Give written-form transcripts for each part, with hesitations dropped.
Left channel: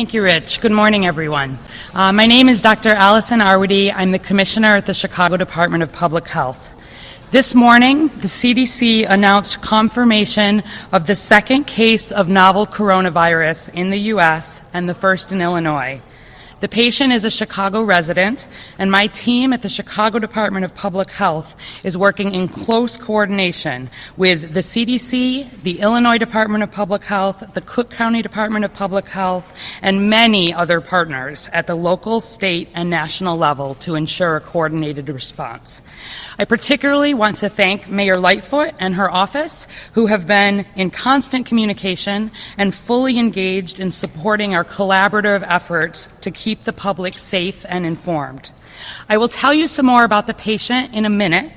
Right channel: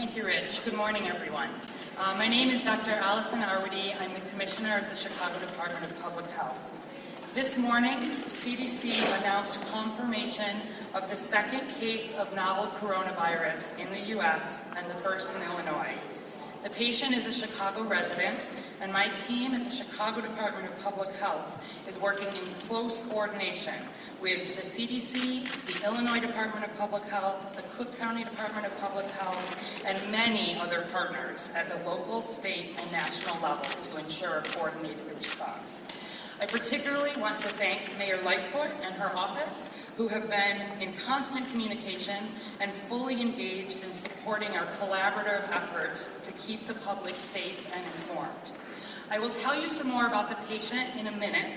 Thank you, Rich. Good morning, everyone. My name is Dr. Allison Arwady. I'm the Commissioner at the Chicago Department of Public Health. This morning, the CDC announced confirmation of the second case of novel coronavirus in the U.S. and the first in Illinois. The patient is a Chicago resident, and my team at the Chicago Department of Public Health is working in close coordination with the CDC, the Illinois Department of Public Health, the Cook County Department of Public Health, and many other partners at the local, state, and national level to ensure a coordinated response. I particularly want to thank Mayor Lightfoot and her office, who have been in constant communication and fully engaged in supporting our collaborative efforts to keep the public safe and informed. I will tell you some more about the patient in a minute,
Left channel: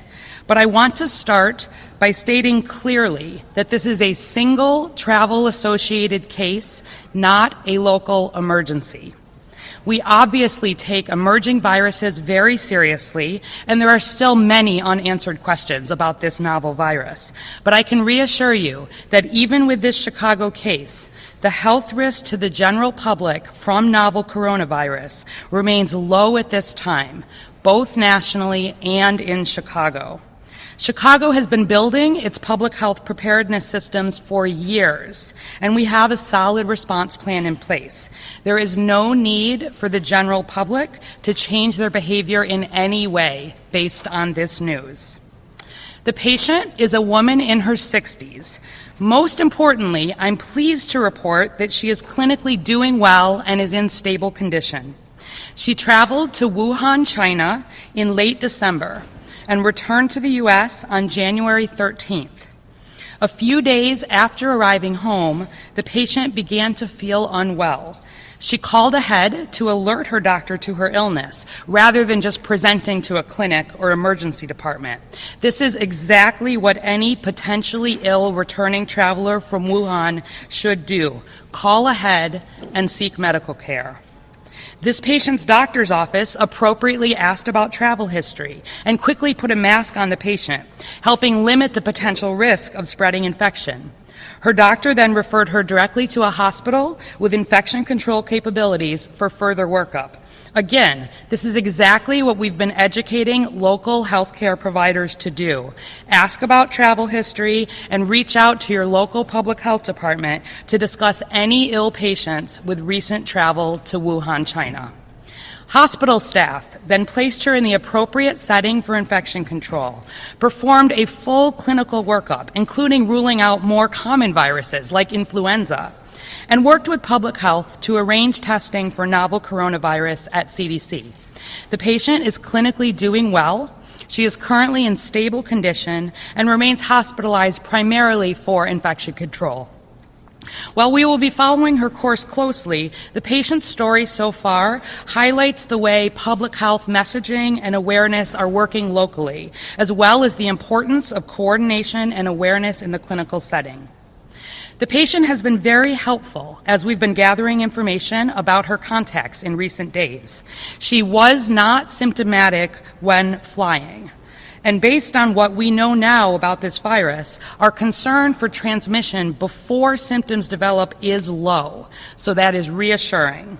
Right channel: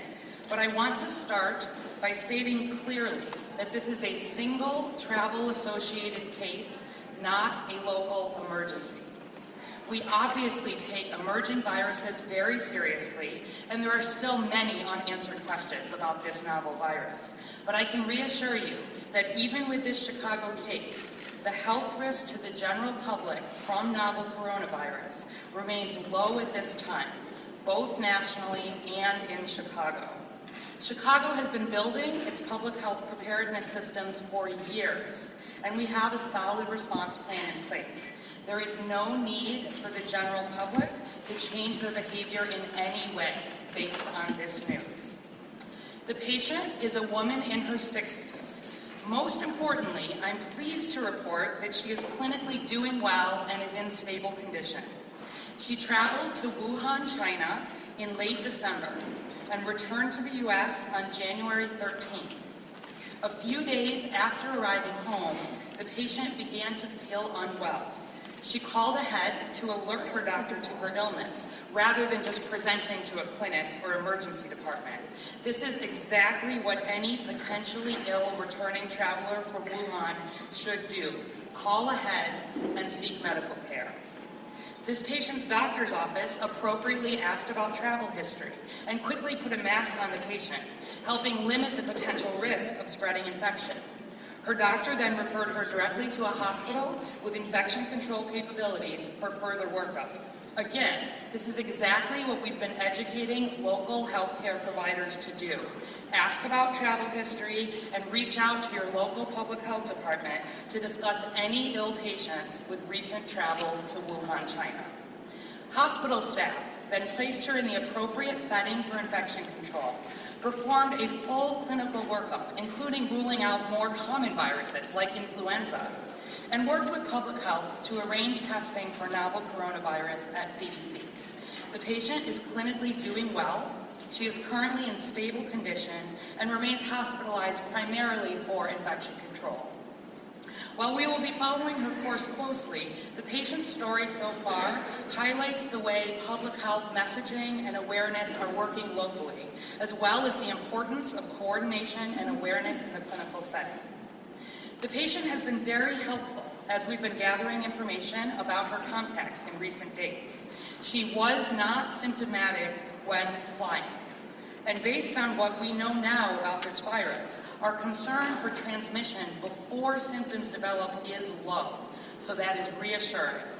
but I want to start by stating clearly that this is a single travel-associated case, not a local emergency. We obviously take emerging viruses very seriously, and there are still many unanswered questions about this novel virus. But I can reassure you that even with this Chicago case, the health risk to the general public from novel coronavirus remains low at this time, both nationally and in Chicago. Chicago has been building its public health preparedness systems for years, and we have a solid response plan in place. There is no need for the general public to change their behavior in any way based on this news. The patient is a woman in her 60s. Most importantly, I'm pleased to report that she is clinically doing well and is in stable condition. She traveled to Wuhan, China in late December and returned to the U.S. on January 13th. A few days after arriving home, the patient began to feel unwell. She called ahead to alert her doctor to her illness, rather than just presenting to a clinic or emergency department. This is exactly what any potentially ill returning traveler from Wuhan should do: call ahead and seek medical care. This patient's doctor's office appropriately asked about travel history and quickly put a mask on the patient, helping limit the potential risk of spreading infection. Her doctor then referred her directly to a hospital with infection control capabilities for further workup. Again, this is exactly what we've been educating local healthcare providers to do. Ask about travel history and reach out to your local public health department to discuss any ill patients with recent travel to Wuhan, China. Hospital staff then placed her in the appropriate setting for infection control, performed a full clinical workup, including ruling out more common viruses like influenza, and worked with public health to arrange testing for novel coronavirus at CDC. The patient is clinically doing well. She is currently in stable condition and remains hospitalized primarily for infection control. While we will be following her course closely, the patient's story so far highlights the way public health messaging and awareness are working locally, as well as the importance of coordination and awareness in the clinical setting. The patient has been very helpful as we've been gathering information about her contacts in recent days. She was not symptomatic when flying. And based on what we know now about this virus, our concern for transmission before symptoms develop is low, so that is reassuring.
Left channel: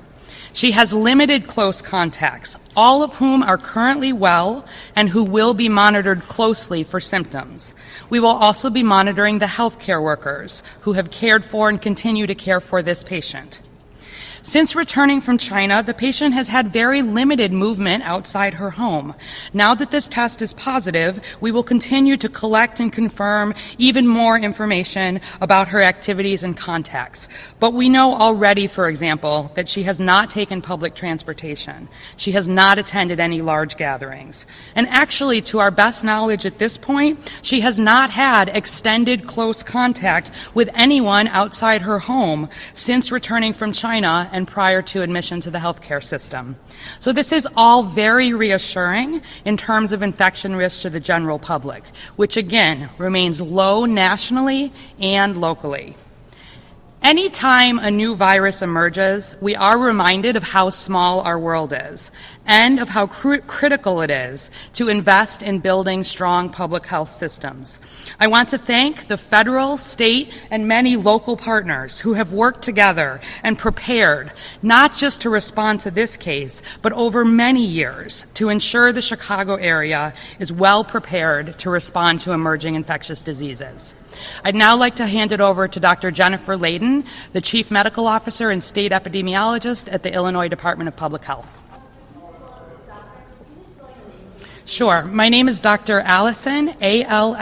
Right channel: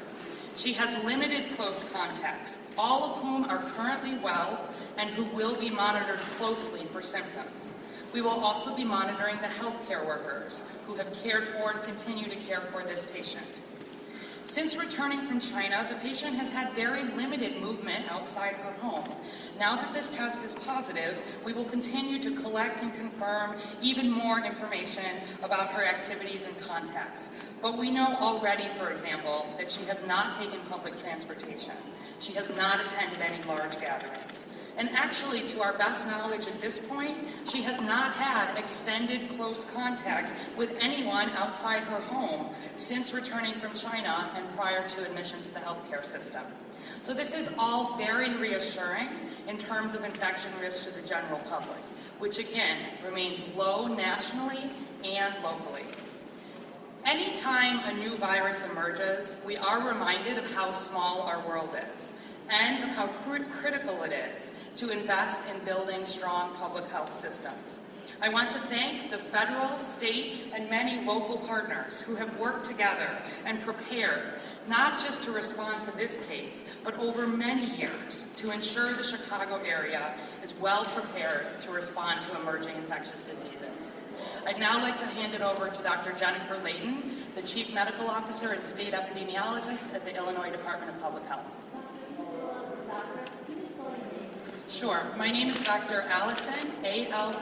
She has limited close contacts, all of whom are currently well and who will be monitored closely for symptoms. We will also be monitoring the healthcare workers who have cared for and continue to care for this patient. Since returning from China, the patient has had very limited movement outside her home. Now that this test is positive, we will continue to collect and confirm even more information about her activities and contacts. But we know already, for example, that she has not taken public transportation. She has not attended any large gatherings. And actually, to our best knowledge at this point, she has not had extended close contact with anyone outside her home since returning from China and prior to admission to the healthcare system. So this is all very reassuring in terms of infection risk to the general public, which again remains low nationally and locally. Anytime a new virus emerges, we are reminded of how small our world is and of how critical it is to invest in building strong public health systems. I want to thank the federal, state, and many local partners who have worked together and prepared, not just to respond to this case, but over many years to ensure the Chicago area is well prepared to respond to emerging infectious diseases. I'd now like to hand it over to Dr. Jennifer Layden, the Chief Medical Officer and State Epidemiologist at the Illinois Department of Public Health. Sure. My name is Dr. Allison, Allison,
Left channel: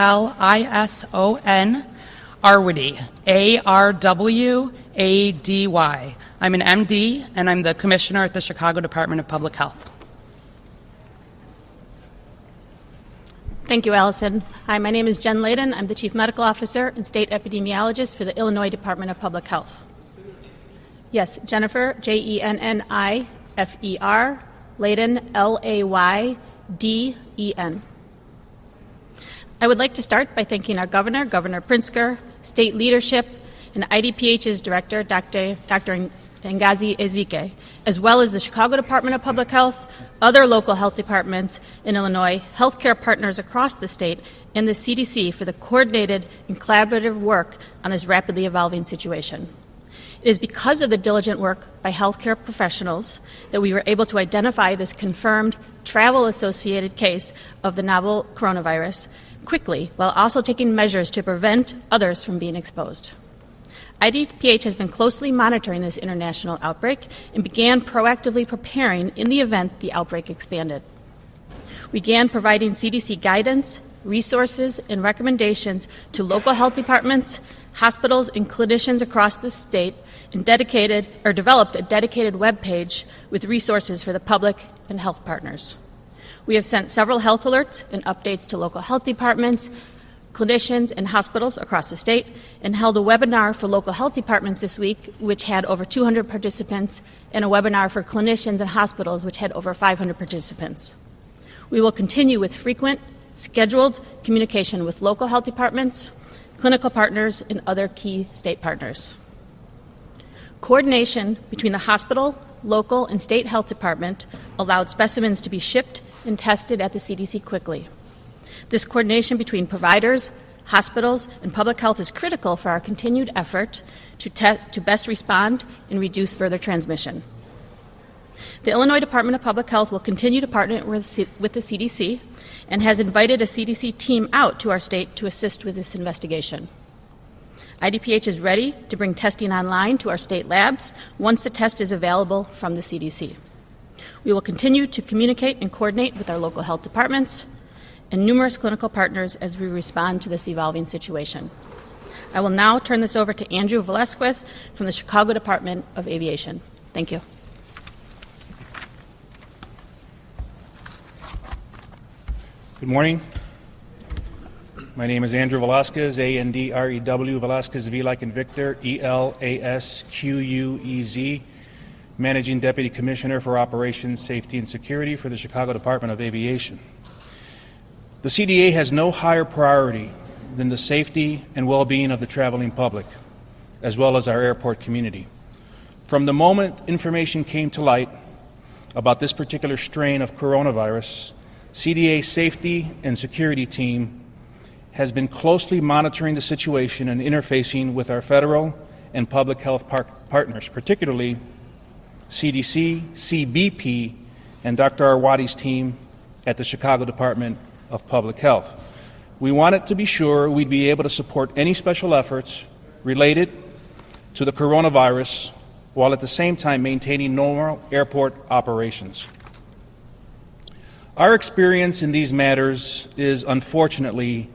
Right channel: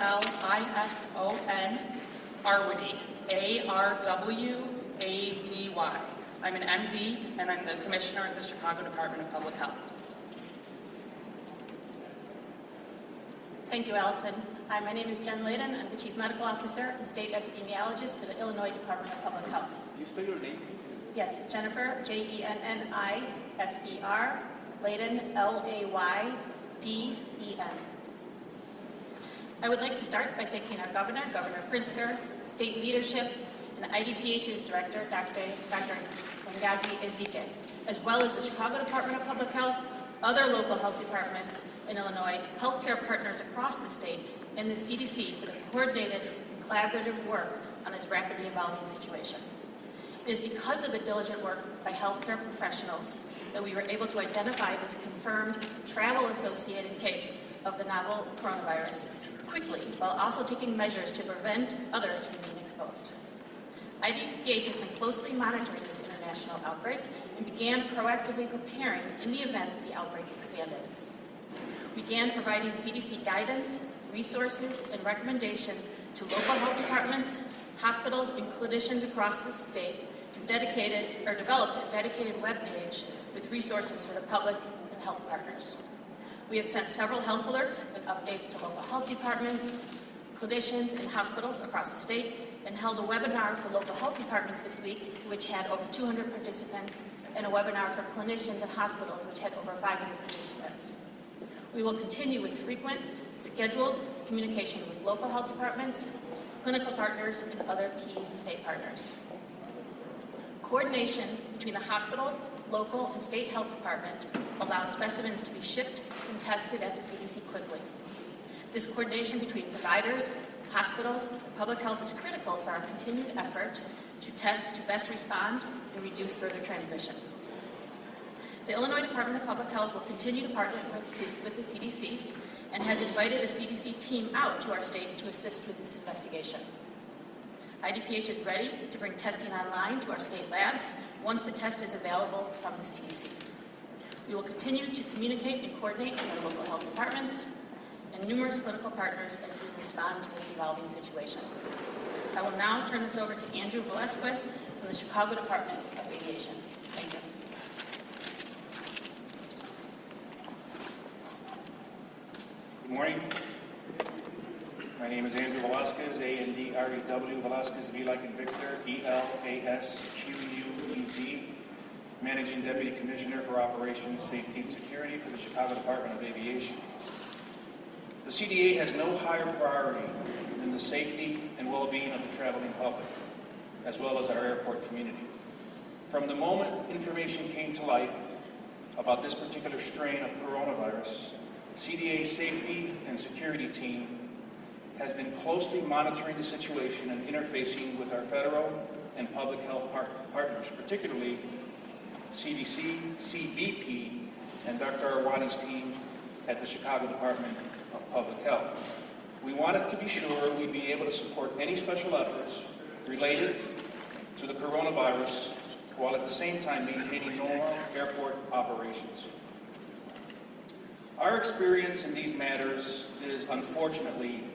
Arwady, Arwady. I'm an MD, and I'm the Commissioner at the Chicago Department of Public Health. Thank you, Allison. Hi, my name is Jen Layden. I'm the Chief Medical Officer and State Epidemiologist for the Illinois Department of Public Health. Can you spell your name? Yes, Jennifer, Jennifer, Layden, Layden. I would like to start by thanking our Governor, Governor Pritzker, state leadership, and IDPH's Director, Dr. Ngozi Ezike, as well as the Chicago Department of Public Health, other local health departments in Illinois, healthcare partners across the state, and the CDC for the coordinated and collaborative work on this rapidly evolving situation. It is because of the diligent work by healthcare professionals that we were able to identify this confirmed travel-associated case of the novel coronavirus quickly, while also taking measures to prevent others from being exposed. IDPH has been closely monitoring this international outbreak and began proactively preparing in the event the outbreak expanded. We began providing CDC guidance, resources, and recommendations to local health departments, hospitals, and clinicians across the state, and developed a dedicated web page with resources for the public and health partners. We have sent several health alerts and updates to local health departments, clinicians, and hospitals across the state, and held a webinar for local health departments this week, which had over 200 participants, and a webinar for clinicians and hospitals, which had over 500 participants. We will continue with frequent, scheduled communication with local health departments, clinical partners, and other key state partners. Coordination between the hospital, local, and state health department allowed specimens to be shipped and tested at the CDC quickly. This coordination between providers, hospitals, and public health is critical for our continued effort to best respond and reduce further transmission. The Illinois Department of Public Health will continue to partner with the CDC and has invited a CDC team out to our state to assist with this investigation. IDPH is ready to bring testing online to our state labs once the test is available from the CDC. We will continue to communicate and coordinate with our local health departments and numerous clinical partners as we respond to this evolving situation. I will now turn this over to Andrew Velasquez from the Chicago Department of Aviation. Thank you. Good morning. My name is Andrew Velasquez, A-N-D-R-E-W, Velasquez, V like in Victor, E-L-A-S-Q-U-E-Z, Managing Deputy Commissioner for Operations, Safety, and Security for the Chicago Department of Aviation. The CDA has no higher priority than the safety and well-being of the traveling public, as well as our airport community. From the moment information came to light about this particular strain of coronavirus, CDA safety and security team has been closely monitoring the situation and interfacing with our federal and public health partners, particularly CDC, CBP, and Dr. Arwady's team at the Chicago Department of Public Health. We wanted to be sure we'd be able to support any special efforts related to the coronavirus while at the same time maintaining normal airport operations. Our experience in these matters is unfortunately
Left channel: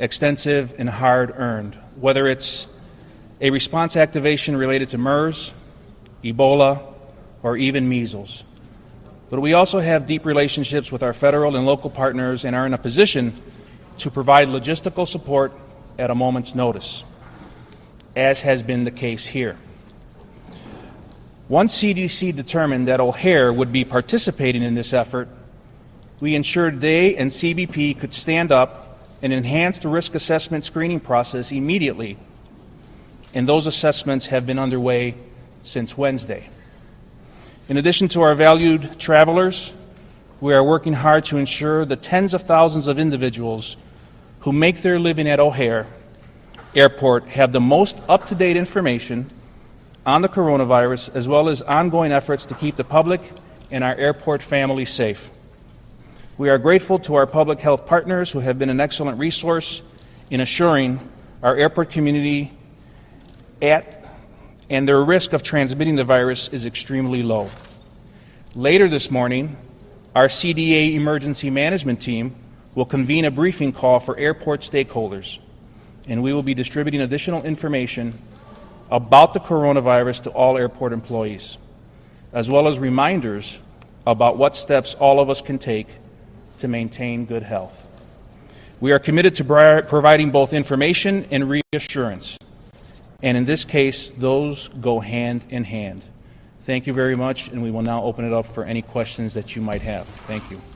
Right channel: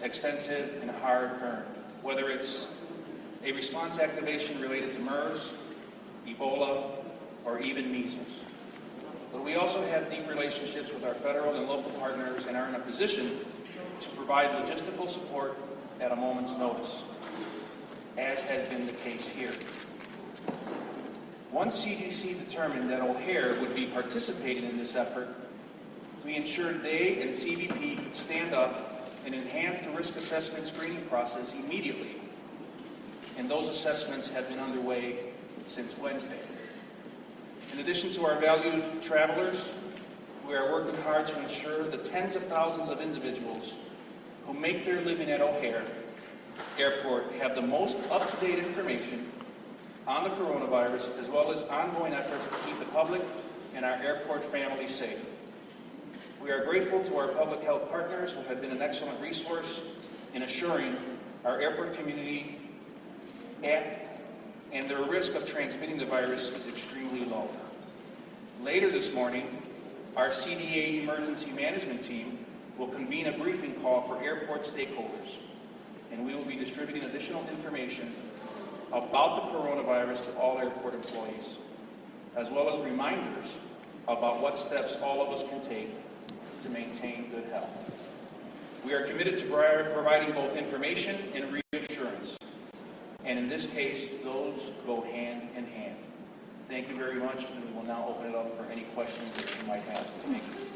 extensive and hard-earned, whether it's a response activation related to MERS, Ebola, or even measles. But we also have deep relationships with our federal and local partners and are in a position to provide logistical support at a moment's notice, as has been the case here. Once CDC determined that O'Hare would be participating in this effort, we ensured they and CBP could stand up and enhance the risk assessment screening process immediately and those assessments have been underway since Wednesday. In addition to our valued travelers, we are working hard to ensure the tens of thousands of individuals who make their living at O'Hare Airport have the most up-to-date information on the coronavirus, as well as ongoing efforts to keep the public and our airport family safe. We are grateful to our public health partners who have been an excellent resource in assuring our airport community and their risk of transmitting the virus is extremely low. Later this morning, our CDA emergency management team will convene a briefing call for airport stakeholders, and we will be distributing additional information about the coronavirus to all airport employees, as well as reminders about what steps all of us can take to maintain good health. We are committed to providing both information and reassurance, and in this case, those go hand in hand. Thank you very much, and we will now open it up for any questions that you might have. Thank you.